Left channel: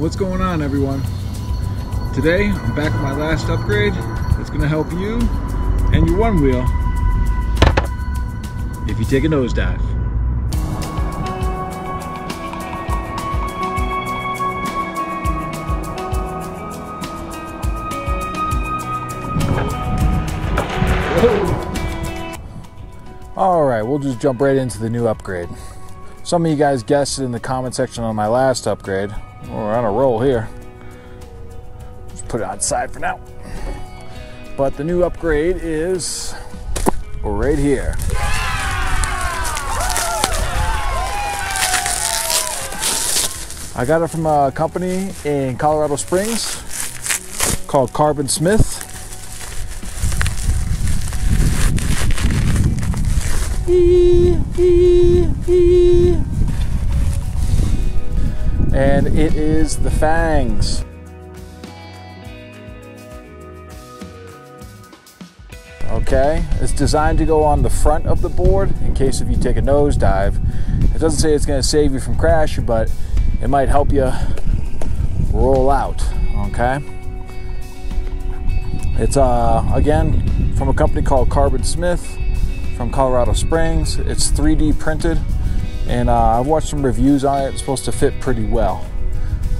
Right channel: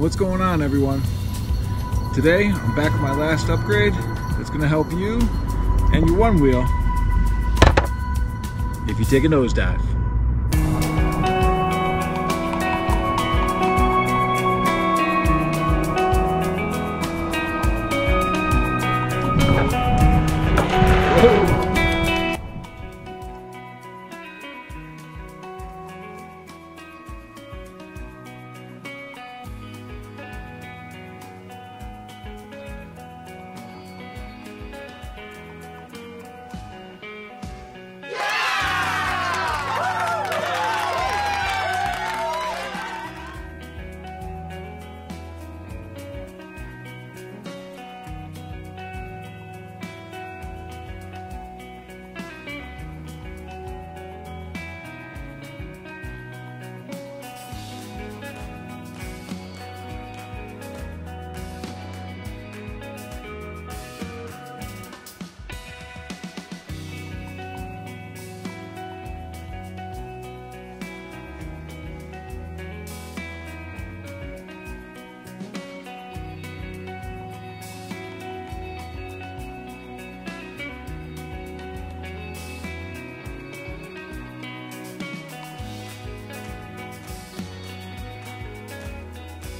What's going on, everyone? Today I'm back with my last upgrade that's going to help you and your one wheel if you take a nosedive. Alright, we'll just jump right into the new upgrade. Some of you guys guessed in the comment section on my last upgrade. We're on a roll here. Just put it outside for now. But the new upgrade is right here. I got it from a company in Colorado Springs called Carbon Smith. And it is the fangs. Okay, it's designed to go on the front of the board in case if you take a nosedive. It doesn't say it's going to save you from crashing, but it might help you roll out. Okay, it's again from a company called Carbon Smith from Colorado Springs. It's 3D printed, and I've watched some reviews on it. It's supposed to fit pretty well.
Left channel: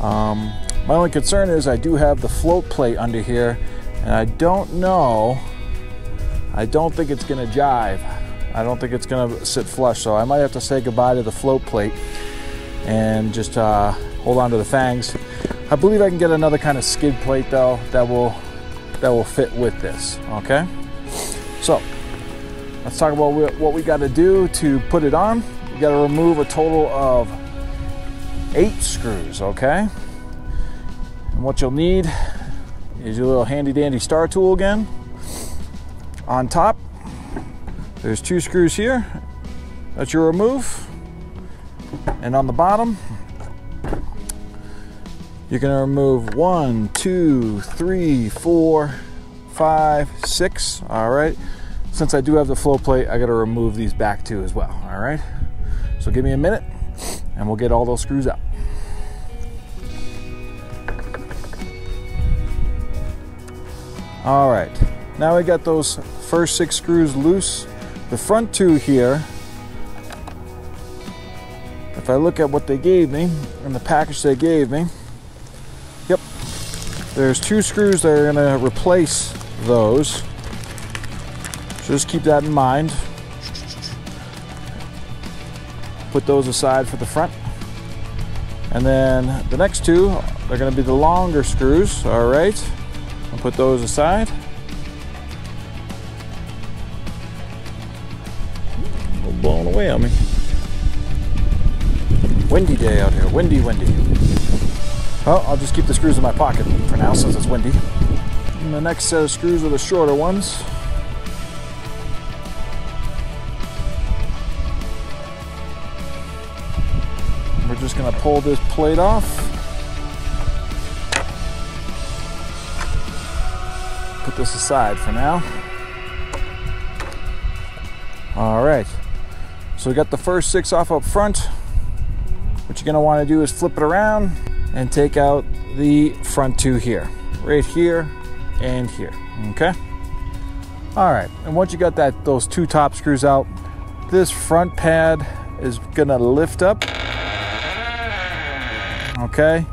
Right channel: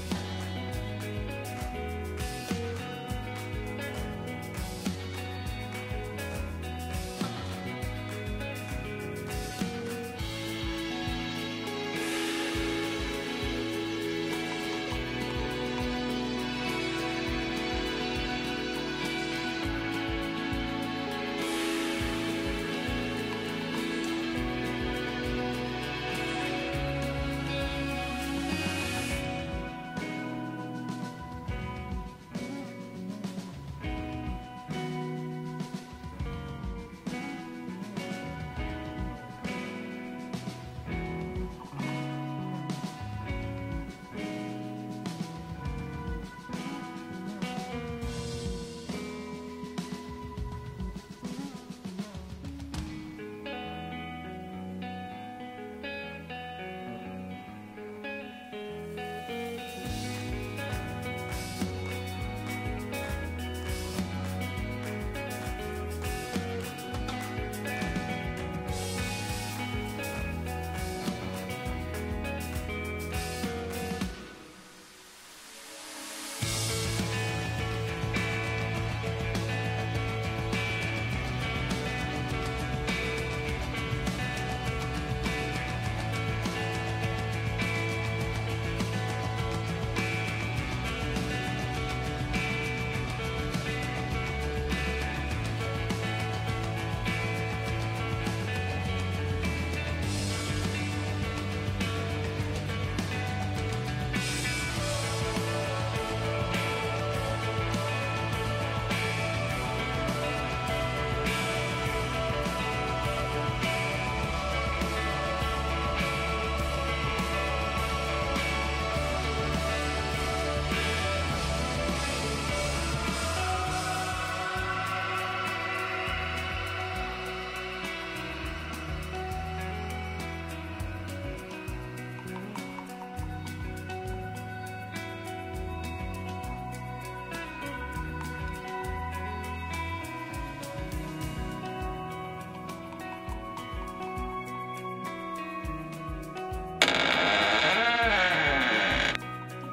My only concern is I do have the float plate under here, and I don't think it's gonna jive. I don't think it's gonna sit flush, so I might have to say goodbye to the float plate and just hold on to the fangs. I believe I can get another kind of skid plate though that will fit with this. Okay, so let's talk about what we got to do to put it on. You got to remove a total of 8 screws, okay? And what you'll need is your little handy dandy star tool again. On top, there's 2 screws here that you remove. And on the bottom, you're going to remove 1, 2, 3, 4, 5, 6, all right? Since I do have the float plate, I got to remove these back too as well, all right? So give me a minute and we'll get all those screws out. All right, now we got those first 6 screws loose. The front 2 here, if I look at what they gave me in the package they gave me, yep, there's 2 screws that are going to replace those. So just keep that in mind. Put those aside for the front. And then the next 2 are going to be the longer screws, all right? I'll put those aside. Blowing away on me. Windy day out here, windy. Well, I'll just keep the screws in my pocket for now since it's windy. And the next set of screws are the shorter ones. Just going to pull this plate off. Put this aside for now. All right, so we got the first 6 off up front. What you're going to want to do is flip it around and take out the front 2 here, right here and here. Okay. All right, and once you got those 2 top screws out, this front pad is going to lift up. Okay,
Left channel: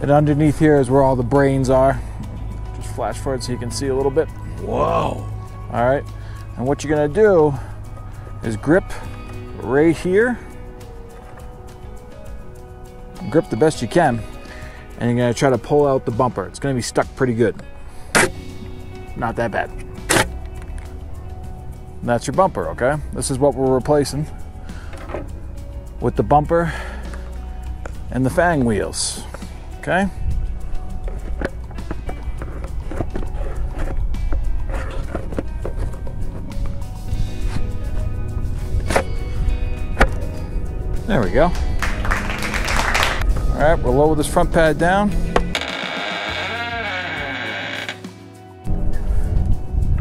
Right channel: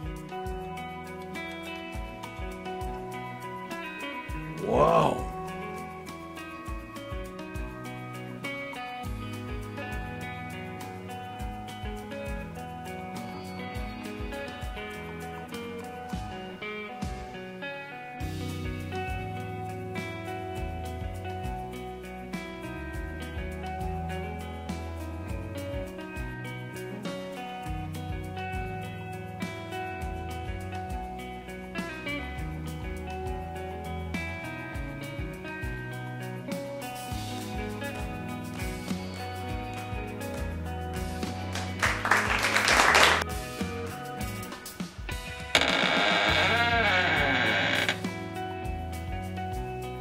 and underneath here is where all the brains are. Just flash forward so you can see a little bit. Whoa! All right, and what you're gonna do is grip right here. Grip the best you can, and you're gonna try to pull out the bumper. It's gonna be stuck pretty good. Not that bad. And that's your bumper, okay? This is what we're replacing with the bumper and the fang wheels, okay? There we go. All right, we'll lower this front pad down.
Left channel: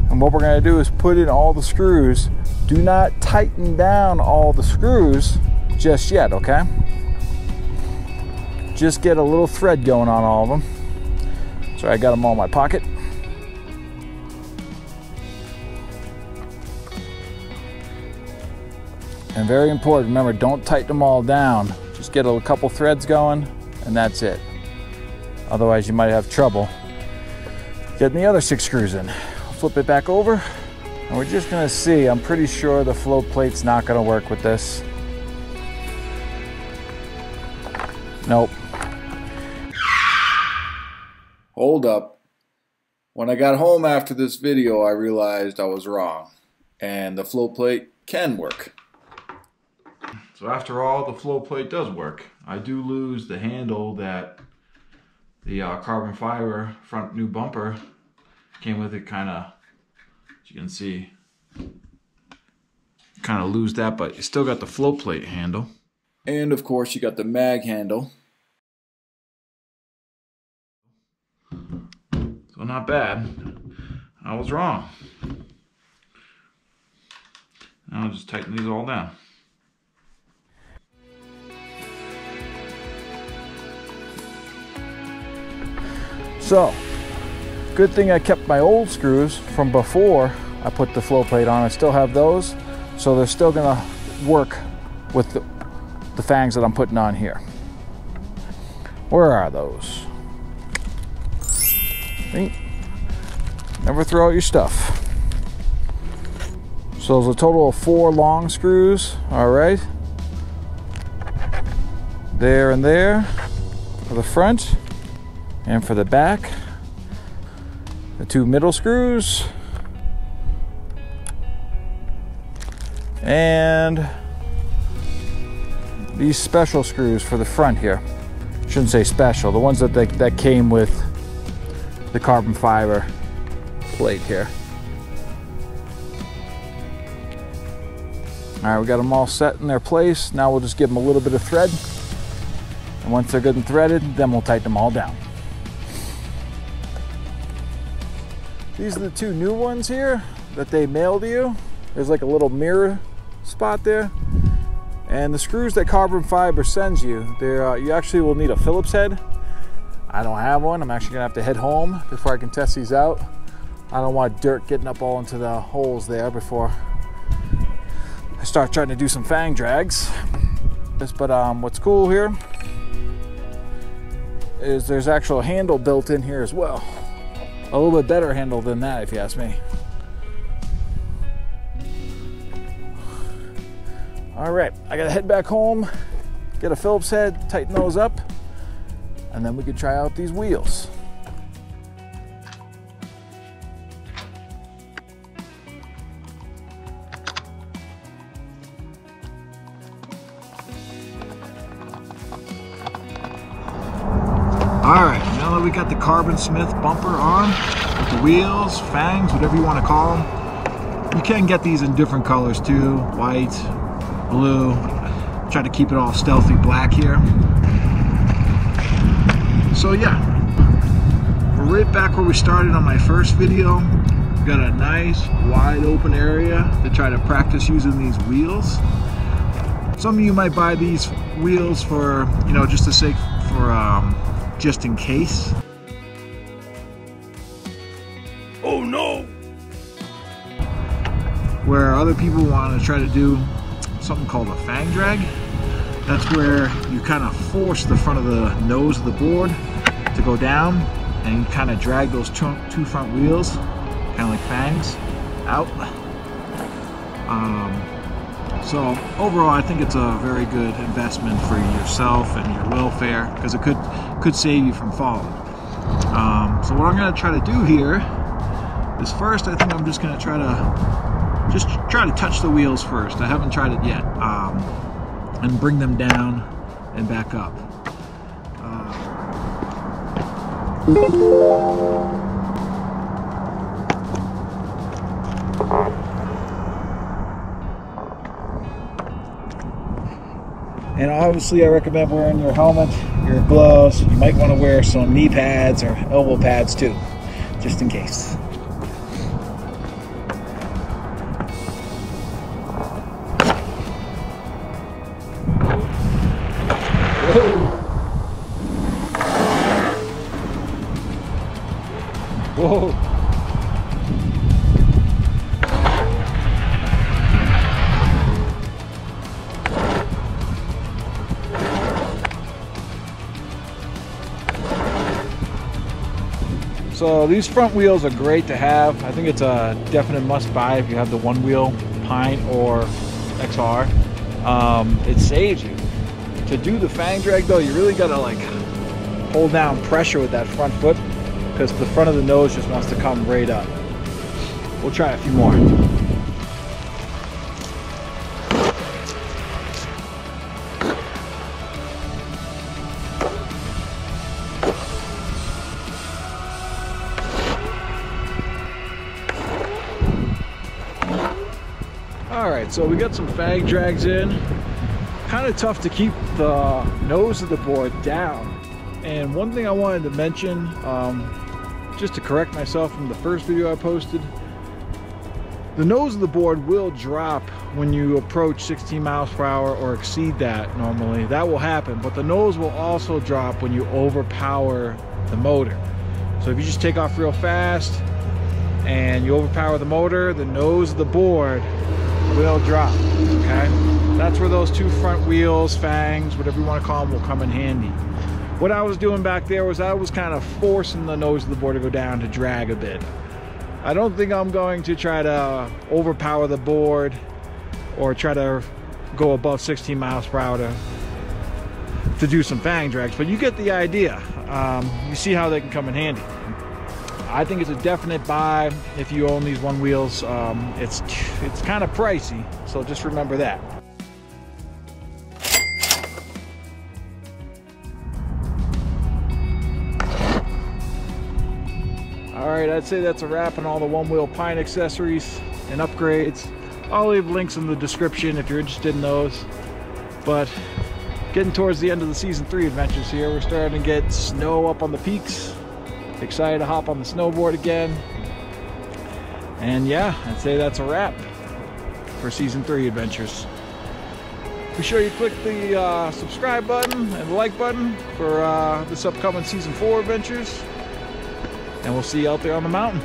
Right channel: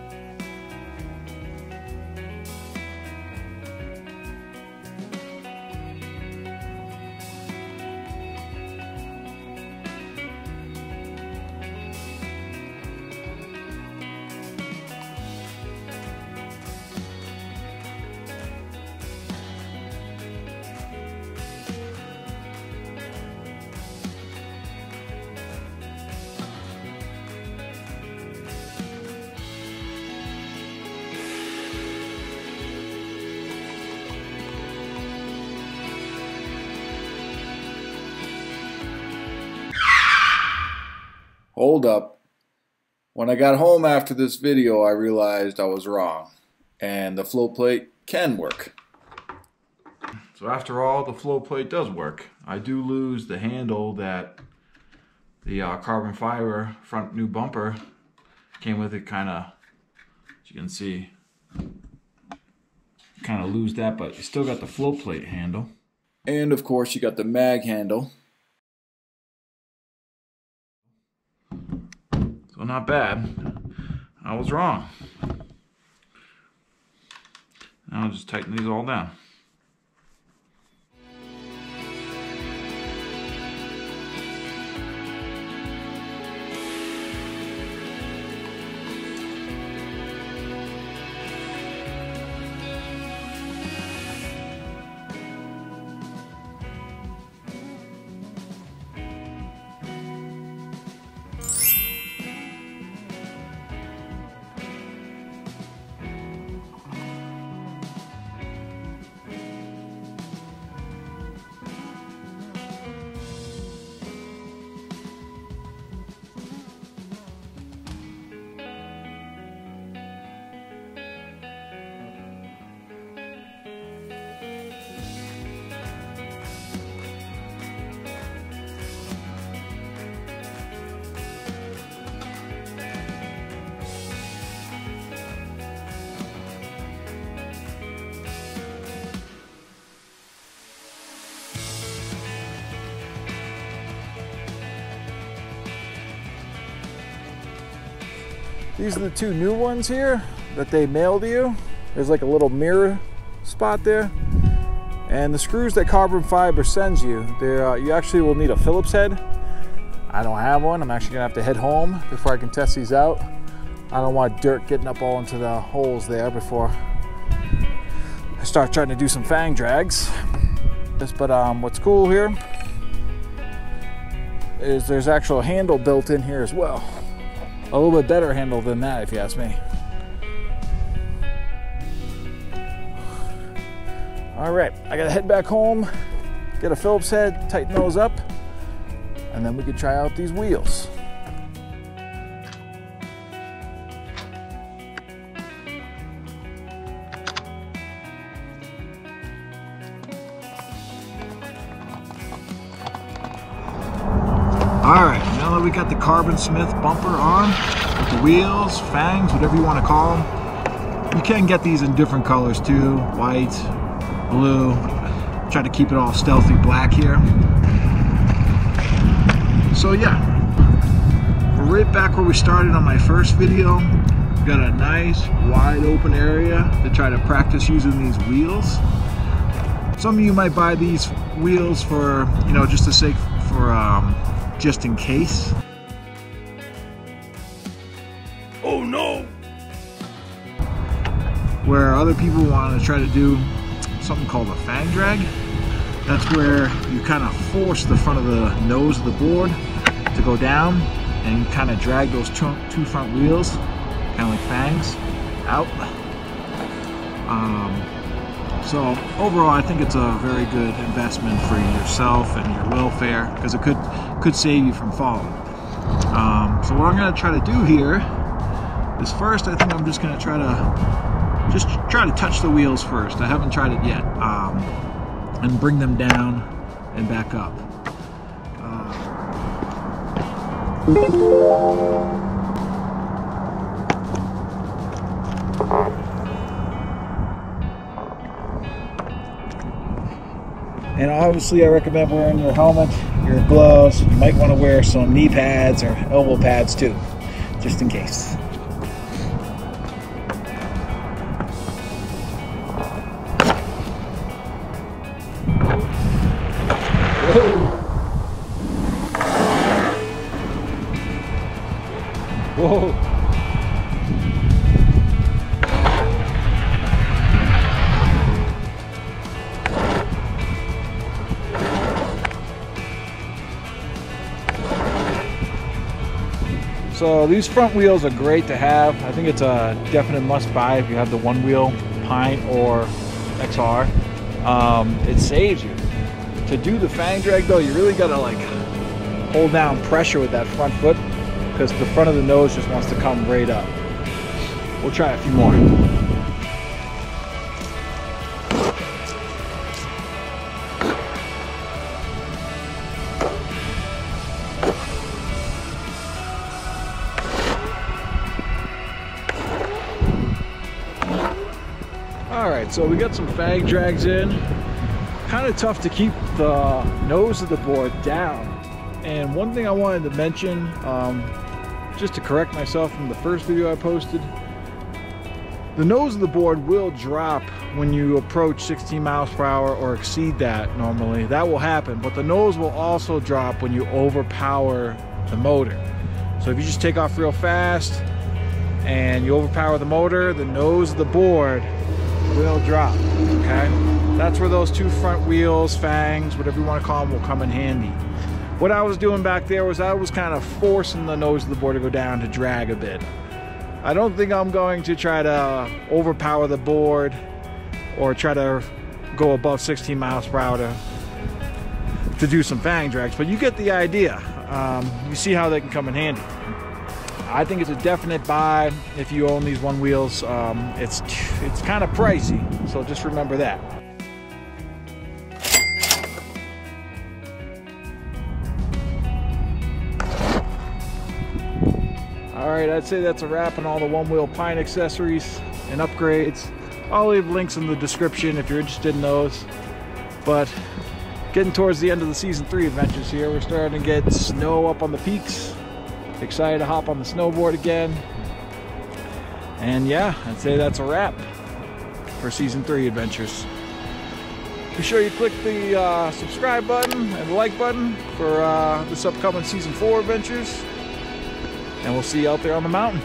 And what we're gonna do is put in all the screws. Do not tighten down all the screws just yet, okay? just get a little thread going on all of them. So I got them all in my pocket. And very important, remember, don't tighten them all down. Just get a couple threads going, and that's it. Otherwise, you might have trouble getting the other 6 screws in. Flip it back over, and we're just gonna see. I'm pretty sure the float plate's not gonna work with this. Nope. Hold up. When I got home after this video, I realized I was wrong, and the float plate can work. So after all, the float plate does work. I do lose the handle that the carbon fiber front new bumper came with. It kind of, as you can see, kind of lose that, but you still got the float plate handle. And of course you got the mag handle. So not bad. I was wrong. Now I'll just tighten these all down. So, good thing I kept my old screws from before I put the float plate on. I still have those, so they're still gonna work with the fangs that I'm putting on here. Where are those? See? Never throw out your stuff. So there's a total of 4 long screws, all right. There and there for the front. And for the back, the 2 middle screws, and these special screws for the front here. Shouldn't say special, the ones that came with the carbon fiber plate here. All right, we got them all set in their place. Now we'll just give them a little bit of thread. And once they're good and threaded, then we'll tighten them all down. These are the 2 new ones here that they mailed you. There's like a little mirror spot there. And the screws that carbon fiber sends you, you actually will need a Phillips head. I don't have one. I'm actually gonna have to head home before I can test these out. I don't want dirt getting up all into the holes there before I start trying to do some fang drags. But what's cool here is there's actual handle built in here as well. A little bit better handle than that, if you ask me. All right, I gotta head back home, get a Phillips head, tighten those up, and then we can try out these wheels. All right, now that we got the Carbon Smith bumper on, with the wheels, fangs, whatever you want to call them, you can get these in different colors too, white, blue. Try to keep it all stealthy black here. So yeah, we're right back where we started on my first video. We've got a nice wide open area to try to practice using these wheels. Some of you might buy these wheels for, you know, just the sake for just in case. Oh no! Where other people want to try to do something called a fang drag. That's where you kind of force the front of the nose of the board to go down, and you kind of drag those 2 front wheels, kind of like fangs, out. So overall, I think it's a very good investment for yourself and your welfare, because it could save you from falling. So what I'm going to try to do here is, first I think I'm just going to try to touch the wheels first. I haven't tried it yet, and bring them down and back up. And obviously I recommend wearing your helmet, your gloves. You might want to wear some knee pads or elbow pads too, just in case. So these front wheels are great to have. I think it's a definite must buy if you have the Onewheel Pint or XR. It saves you. To do the fang drag though, you really gotta like hold down pressure with that front foot because the front of the nose just wants to come right up. We'll try a few more. Alright, so we got some fang drags in. Kind of tough to keep the nose of the board down. And one thing I wanted to mention, just to correct myself from the first video I posted, the nose of the board will drop when you approach 16 miles per hour or exceed that normally. That will happen, but the nose will also drop when you overpower the motor. So if you just take off real fast and you overpower the motor, the nose of the board will drop, okay? That's where those two front wheels, fangs, whatever you want to call them, will come in handy. What I was doing back there was I was kind of forcing the nose of the board to go down to drag a bit. I don't think I'm going to try to overpower the board or try to go above 16 miles per hour to do some fang drags, but you get the idea. You see how they can come in handy. I think it's a definite buy if you own these Onewheels. It's kind of pricey, so just remember that. Alright, I'd say that's a wrap on all the Onewheel Pint accessories and upgrades. I'll leave links in the description if you're interested in those. But getting towards the end of the season 3 adventures here, we're starting to get snow up on the peaks. Excited to hop on the snowboard again. And yeah, I'd say that's a wrap for season 3 adventures. Be sure you click the subscribe button and the like button for this upcoming season 4 adventures. And we'll see you out there on the mountain.